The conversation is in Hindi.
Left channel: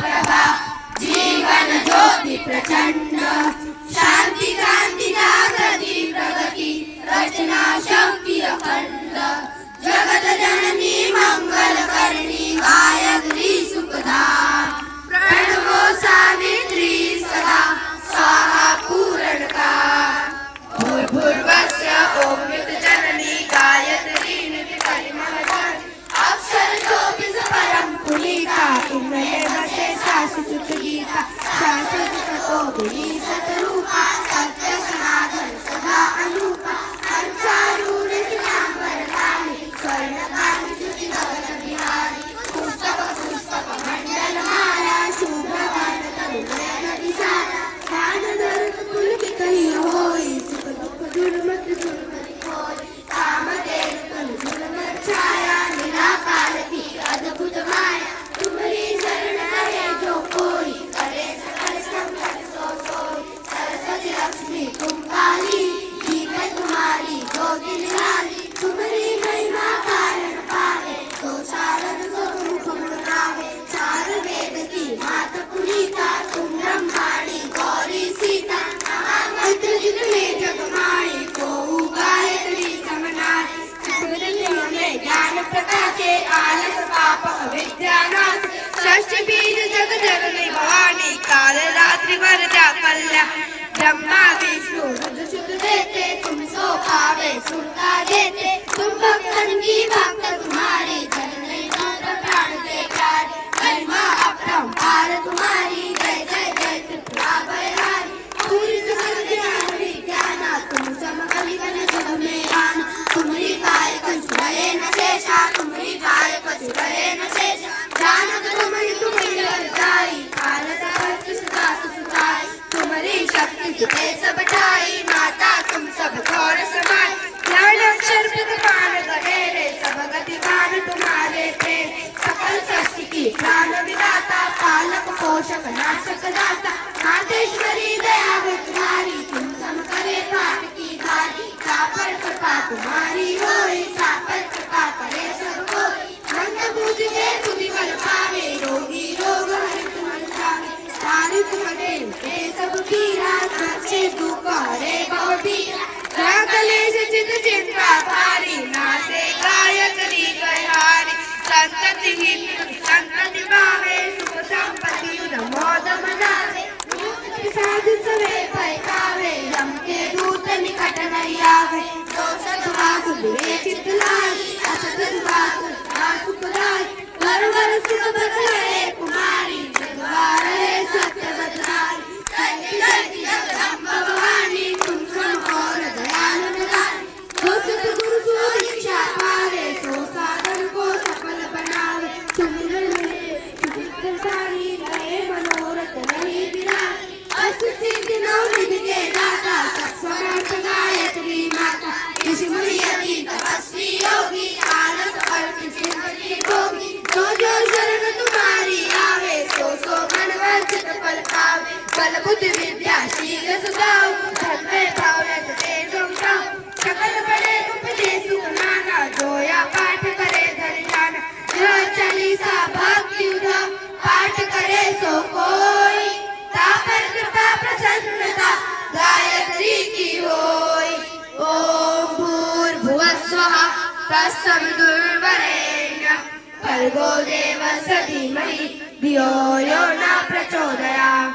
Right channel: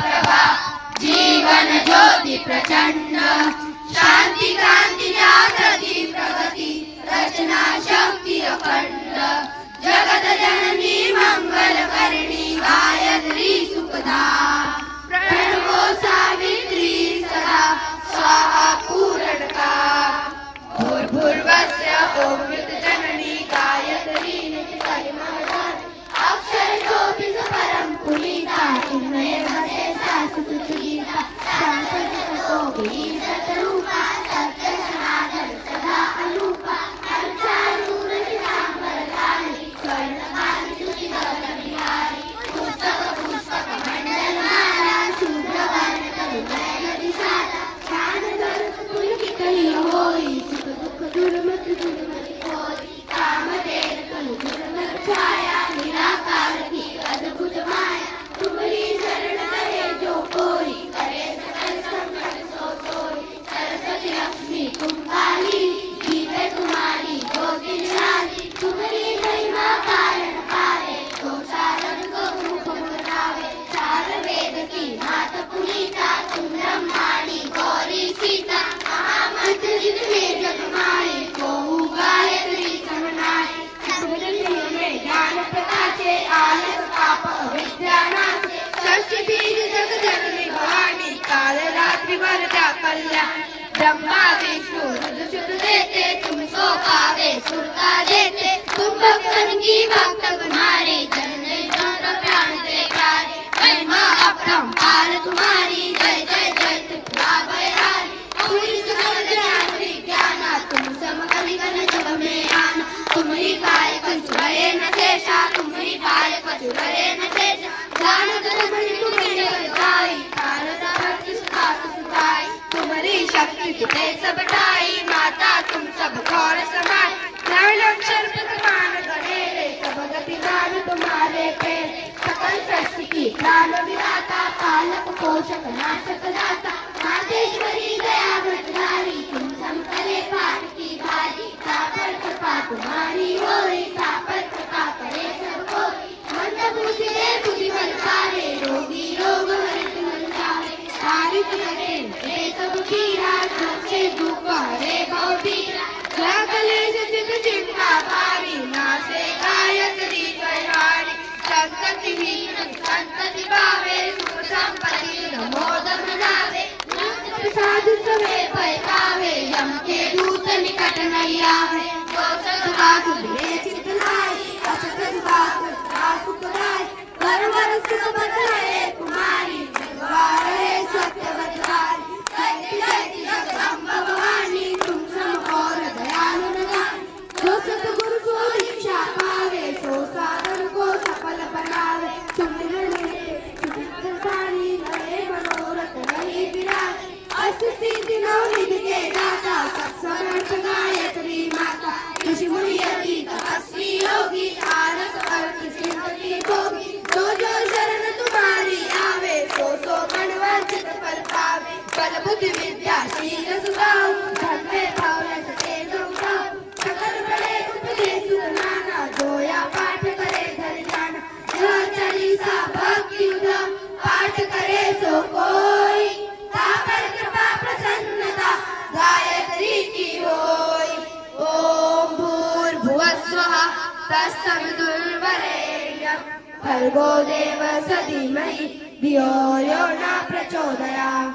प्रभा जीवन ज्योति प्रचंड शांति क्रांति जागृति प्रगति रचना शक्ति अखंड जगत जननी मंगल करणी गायत्री सुखदा प्रणवो सावित्री सदा स्वाहा पूरणकार भूर्भुवस्सुः ॐ जननी गायत्री नित्यकल्मषात् अक्षरशोऽपि परं पुनीता इन्द्रदेवशेषा सुगीता शाश्वततपोभिः शतरूपा सत्यसनातन सदा अनूपा अंसारूढशिलाम्बरधारिणी स्वर्णकान्ति ज्योतिगगनविहारी पुस्तकमण्डलमाला शुभ्रवर्णतरुणयनविशाला ध्यानधरतुलकिकलियो होई सुखदुःख दुर्मत दुर्मति होई कामधेनु तनुजुरधर छाया निराकारती अद्भुत माया तुम्हारी शरण करे जो कोई करे सकल संकट सो सोई सरस्वती लक्ष्मी तुम काली गीत तुम्हारी ज्योति निराली तुम्हारी महिमा कारण पावे तो शारद को मुख बनावे चार वेद की मात पुनीता तुम ब्रह्माणी गौरी सीता महामंत्र जितने जग माए को गायत्री समनाए में ज्ञान प्रकाशे आलस पाप अविद्यानाश षष्ठी बीज जग जननी भवानी काल रात्रि वरदा कल्याण ब्रह्मा विष्णु रुद्र देते तुम सो पावे सुरता देते तुम भक्तन की भक्त तुम्हारी जननी जन प्राण दे प्यारी महिमा अपरंपार तुम्हारी जय जय जय त्रिपुरा भयहारी अवधि सकल ज्ञानी ज्ञाना तुम समकलि गण जुग में आना तुम्हारी गाय कसुरये न शेषा तुम्हारी गाय कसुरये न शेषा जानक रमणि तुम्हारी गाई पार्वती भक्त सुता सुताई तुम्हारी शक्ति तुझे सब ढाई माता तुम सब गौर समाई नयन अक्षर प्रधान धनेरे सब गति मान तुम्हारे थे सकल सृष्टि की प्राण विदाता पालक पोषक नाशक दाता मातेश्वरी दया भद्रारी तुम सम करे पाप की भारी सापर कृपा तुम्हारी होई सापर कृपा करे सब कोई मंद बुद्धि दे बुद्धि बल पावे रोगी रोग हरित मन जावे पारित करे हे सब पीरा रक्षे दुख हरे गौरीरा जय कलेश चित चिंता भारी नासे गायत्री गयारी संतति ही संतति भावे सुख संपत्ति नमोद मनावे प्रसाद सवे भय पावे यम के दूत निकट नहीं आवे दोष दुरास बिरे चित नारी असत दुरास सुखराय परवर सुख बदलाए कुमारी जगवारे सत्य बदलाए जयति जगदम्बा भवानी तुम सम और दयालु निदान जो सतगुरु को दीक्षा पावे सो साधन को सफल बनावे सिमरन में सारी लय मनोरथ नहीं विराज अष्टसिद्धि नवनिधि के दाता सत्समर्थ गायत्री माता ऋषि मुनि यति तपस्वी योगी आलस अर्थ सिद्धि भोगी जो जो शरण तुम्हारी आवे सो सो गणवंचित फल पावे बल बुद्धि विद्या शील सुधाऊ धर्म भावरत तेज उठाऊ सकल बड़े उपदेश नाना जोया पाठ करे धरि जाना जो चालीसा भक्ति उधम पाठ करे सो कोई तापर कृपा प्रसन्नता गायत्री की होई ओम भूर्भुवस्सुः तत्सवितुर्वरेण्यं भर्गो देवस्य धीमहि धियो यो न प्रचोदयात्।